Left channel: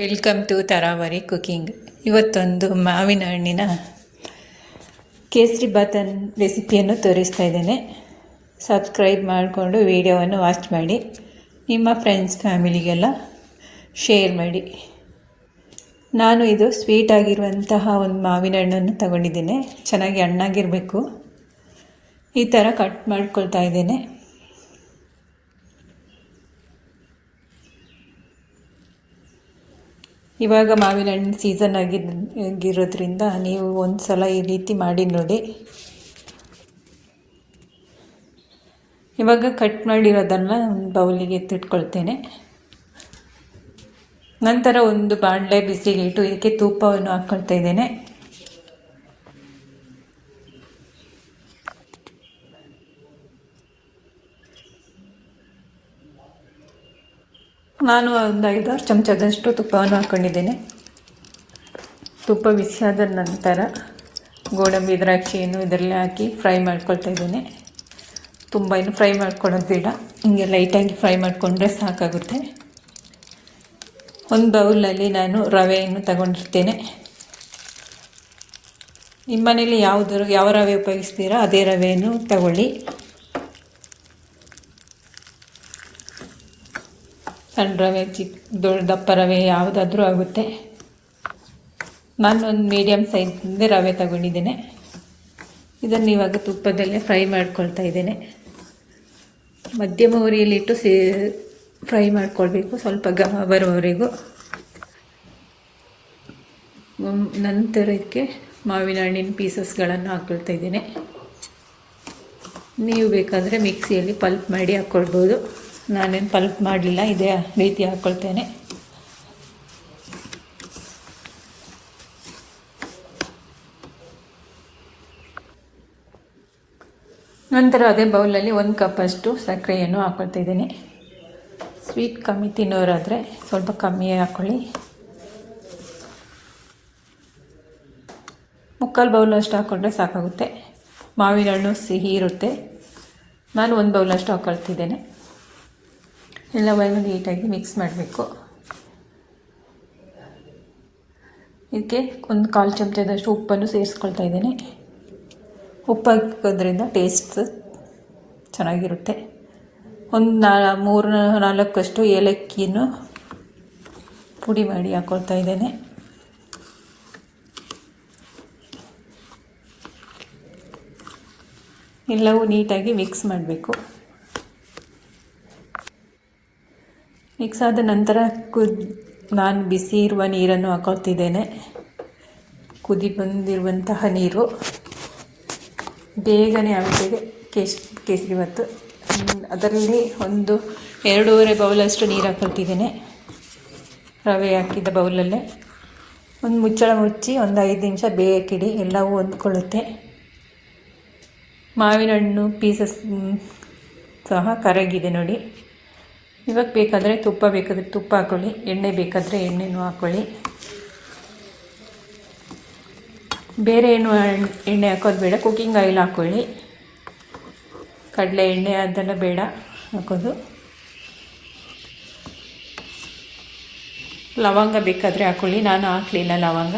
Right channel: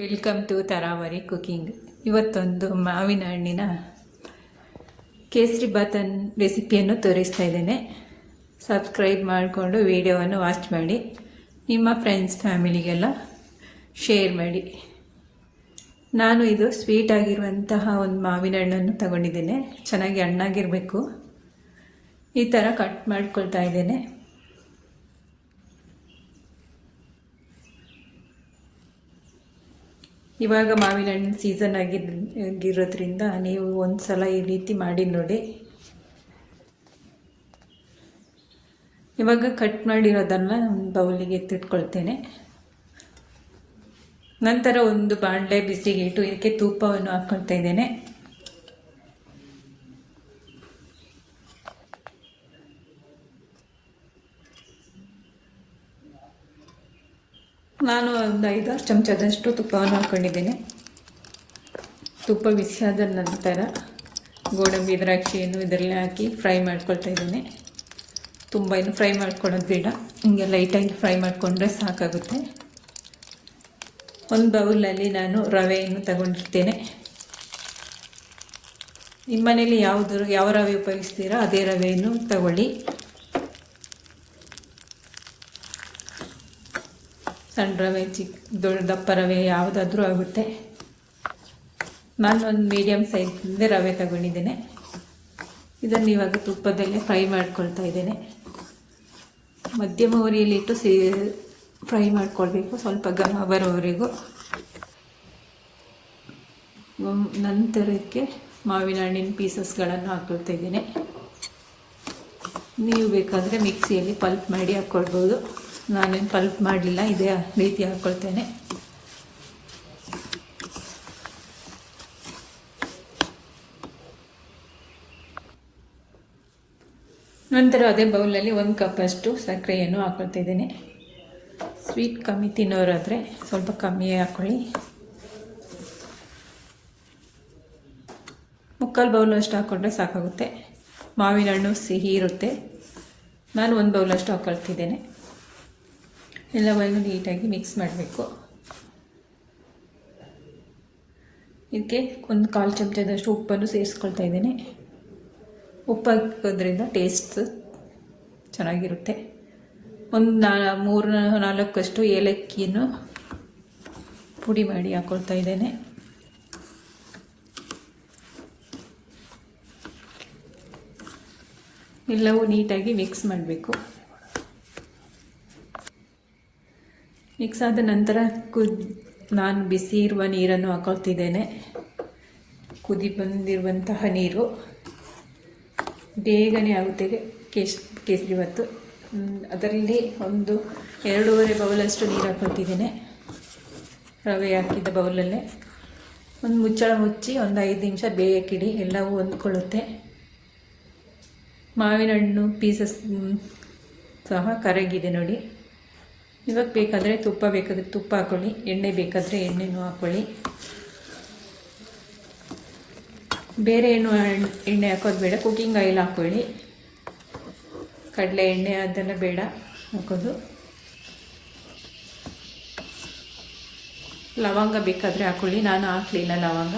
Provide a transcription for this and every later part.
Welcome to ತರಾವರಿ cooking. ಇವತ್ತೊಂದು ಮಾವಿನ ಹಣ್ಣಿನ ಕೇಸರಿ ಬಾತನ್ ರೆಸಿಪಿಯನ್ನು ತೋರಿಸ್ತಾ ಇದ್ದೇನೆ. ಸಬ್ಸ್ಕ್ರೈಬ್ ಮಾಡಿಕೊಂಡು ವಿಡಿಯೋವನ್ನು ವಾಚ್ ಮಾಡಿ, ನಿಮ್ಮ ಫ್ರೆಂಡ್ಸ್ ಫ್ಯಾಮಿಲಿಗೆಲ್ಲ ಶೇರ್ ಮಾಡಿ. ನಾನು ಇದು ಸ್ವೀಟ್ ಆಗಿರುವಂತಹ ಒಂದು ಮಾವಿನ ಹಣ್ಣನ್ನು ತಗೊಂಡಿದ್ದೇನೆ. ಚೆನ್ನಾಗಿ ಹಣ್ಣಾಗಿರಬೇಕು. ಈ ಥರ ಕಟ್ ಮಾಡ್ಕೊಳ್ತಾ ಇದ್ದೇನೆ. ಇವಾಗ ಮಾವಿನ ಹಣ್ಣು ಸೀಸನ್ ಆಗಿರೋದ್ರಿಂದ ನೀವು ಒಂದು ಸಲ ಈ ರೀತಿ ಮಾಡಿ ನೋಡಿ. ಇವಾಗ ಕಟ್ ಮಾಡಿರೋದನ್ನು ಒಂದು ಬೌಲಿಗೆ ಎತ್ತಿಟ್ಕೊಳ್ತೇನೆ. ನಂತರ ಒಂದು ಬಾಣಲೆ ಬಿಸಿಗೆ ಇಟ್ಟು ಇದಕ್ಕೆ ತುಪ್ಪವನ್ನು ಹಾಕ್ಕೊಳ್ತಾ ಇದ್ದೇನೆ. ನಾನು ಒಂದು 5-6 ಚಮಚದಷ್ಟು ತುಪ್ಪವನ್ನು ಹಾಕ್ಕೊಂಡಿದ್ದೇನೆ. ತುಪ್ಪ ಬಿಸಿಯಾದ ನಂತರ ಗೋಡಂಬಿ ದ್ರಾಕ್ಷಿಯನ್ನು ಇದರಲ್ಲಿ ಹಾಕಿ ಫ್ರೈ ಮಾಡ್ಕೊಳ್ತಾ ಇದ್ದೇನೆ. ತುಂಬ ಏನು ಫ್ರೈ ಮಾಡ್ಕೊಳ್ಳೋದು ಬೇಡ, ಹಿಂಗೆ ಲೈಟಾಗಿ ಫ್ರೈ ಮಾಡಿಕೊಂಡ್ರೆ ಸಾಕಾಗುತ್ತೆ. ಒಂದು ಬೌಲಲ್ಲಿ ನಾನು ರವೆಯನ್ನು ತಗೊಂಡಿರ್ತೇನೆ. ನಿಮ್ಮ ಮನೇಲಿ ಯಾವ ರವೆ ಉಪಯೋಗಿಸ್ತೀರೋ ಅದೇ ರವೆಯನ್ನು ತಗೊಳ್ಳಿ. ಸಣ್ಣ ರವೆ, ದಪ್ಪ ರವೆ ಯಾವುದಾದ್ರೂ ಆಗುತ್ತೆ. ನಾನು ಒಂದು ಮೀಡಿಯಮ್ ಸೈಜಿಂದ ರವೆ ತಗೊಂಡಿದ್ದೇನೆ. ಇದನ್ನು ಇವಾಗ ತುಪ್ಪದಲ್ಲೇ ಫ್ರೈ ಮಾಡ್ಕೊಳ್ತಾ ಇದ್ದೇನೆ. ಮಧ್ಯಮ ಉರಿಯಲ್ಲಿಟ್ಟು ಫ್ರೈ ಮಾಡ್ಕೊಳ್ಬೇಕು, ಸ್ವಲ್ಪ ಘಮ ಬರೋವರೆಗೂ. ನಂತರಕ್ಕೆ ಮಾವಿನ ಹಣ್ಣಿನ ಪೀಸಸ್ಗಳನ್ನು ಹಾಕ್ಕೊಳ್ತಾ ಇದ್ದೇನೆ. ನೀವು ಬೇಕಾದರೆ ಮಿಕ್ಸಿಯಲ್ಲಿ ಪಲ್ಪ್ ಮಾಡಿ ಹಾಕ್ಕೊಳ್ಬೋದು. ನಾನೇನು ಪಲ್ಪ್ ಮಾಡಲಿಲ್ಲ, ಇದೇ ರೀತಿ ಹಾಕ್ಕೊಳ್ತೇನೆ. ನಂತರ ಅದೇ ಬೌಲಲ್ಲಿ 1 ಕಪ್ಪಷ್ಟು ಸಕ್ಕರೆಯನ್ನು ಹಾಕ್ಕೊಳ್ತಾ ಇದ್ದೀನಿ. ಸ್ವೀಟ್ ಕಮ್ಮಿ ತಿನ್ನೋರಾದರೆ ಸ್ವಲ್ಪ ಕಮ್ಮಿಯೇ ಹಾಕ್ಕೊಳ್ಳಿ. 3/4 ಬೌಲಷ್ಟು ಹಾಕ್ಕೊಂಡ್ರೆ ಸಾಕಾಗುತ್ತೆ. ಮಾವಿನ ಹಣ್ಣು ಸಿಹಿ ಇರುತ್ತೆ. ನಾನು 1 ಬೌಲಷ್ಟು ಹಾಕ್ಕೊಳ್ತಿದ್ದೇನೆ. ಎಲ್ಲವನ್ನು ನೀಟಾಗಿ ಮಿಕ್ಸ್ ಮಾಡಬೇಕು. ಇದಕ್ಕೆ 1/4 ಚಮಚದಷ್ಟು ಉಪ್ಪನ್ನು ಸೇರಿಸ್ಕೊಳ್ತಾ ಇದ್ದೇನೆ. ಉಪ್ಪು ಹಾಕೋದ್ರಿಂದ ಟೇಸ್ಟ್ ಚೆನ್ನಾಗಿರುತ್ತೆ. ಒಂದು 3-4 ಏಲಕ್ಕಿಯನ್ನು ಪುಡಿ ಮಾಡಿ ಹಾಕ್ಕೊಳ್ತಾ ಇದ್ದೇನೆ. ಎಲ್ಲವೂ ನೀಟಾಗಿ ಮಿಕ್ಸ್ ಮಾಡಬೇಕು. ಮಿಕ್ಸ್ ಆದ ನಂತರ ನಾನು ಬಿಸಿ ಇರುವ ನೀರನ್ನು ಹಾಕೊಳ್ತಿದ್ದೇನೆ. ಕುದಿ ಬಂದಿರುವಂತಹ ನೀರು ಬೇಗನೆ ಆಗುತ್ತೆ ಕೇಸರಿ ಬಾತು. ಅದರಲ್ಲಿ ಒಂದು 2.5 ಬೌಲಷ್ಟು ನೀರು ಹಾಕೊಳ್ತಿದ್ದೇನೆ. ರವೆ ಹಾಕಿದ್ದ ಬೌಲಲ್ಲೇ ಒಂದು ಮುಚ್ಚಳ ಮುಚ್ಚಿ ಒಂದು 5 ನಿಮಿಷ ಬೇಯಕ್ಕಿಡಿ. ಎಲ್ಲವೂ ಹೊಂದ್ಕೊಳ್ಳುತ್ತೆ. ಮಾವಿನ ಹಣ್ಣು ಪೀಸಸ್ ಸಹ ಕರಗಿದೆ ನೋಡಿ. ಇವಾಗ ಬೇಕಾದರೆ ತುಪ್ಪ ಹಾಕ್ಕೊಳ್ಳಿ, ಎಣ್ಣೆ ಬೇಕಾದರೆ ಎಣ್ಣೆನೂ ಹಾಕ್ಕೊಳ್ಳಿ. ಬೇರೆ ಏನು ಎಣ್ಣೆ ಹಾಕೋದು ಬೇಡ, ಕುಕ್ಕಿಂಗ್ ಆಯಿಲ್ ಹಾಕ್ಕೊಳ್ಳಿ. ಕಡಲೆ ಎಣ್ಣೆ ಅದೆಲ್ಲ ಬೇಡ ಹಾಕೋದು. ಲವಂಗ ಬೇಕಾದರೆ ಹಾಕ್ಕೊಳ್ಳಿ, ನಾನು ಹಾಕಲಿಲ್ಲ ಲವಂಗ.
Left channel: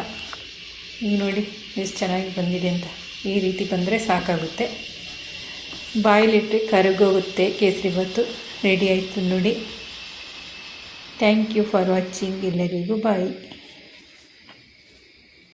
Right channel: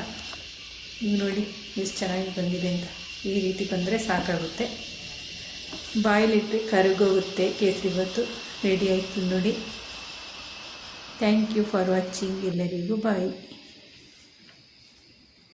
ಈಗ ನೋಡಿ ಎಷ್ಟು ಚೆನ್ನಾಗಿ ಬಂದಿದೆ ಅಂತ. ಈ ರೀತಿ ಬಂದರೆ ಸಾಕಾಗುತ್ತೆ. ಬಾಯಲ್ಲಿಟ್ಟರೆ ಕರಗೋಗುತ್ತೆ ಕೇಸರಿ ಬಾತು. ರೆಡಿ ಆಯಿತು ನೋಡಿ. Thank you for watching. ಎಲ್ಲರಿಗೂ ಬಾಯ್.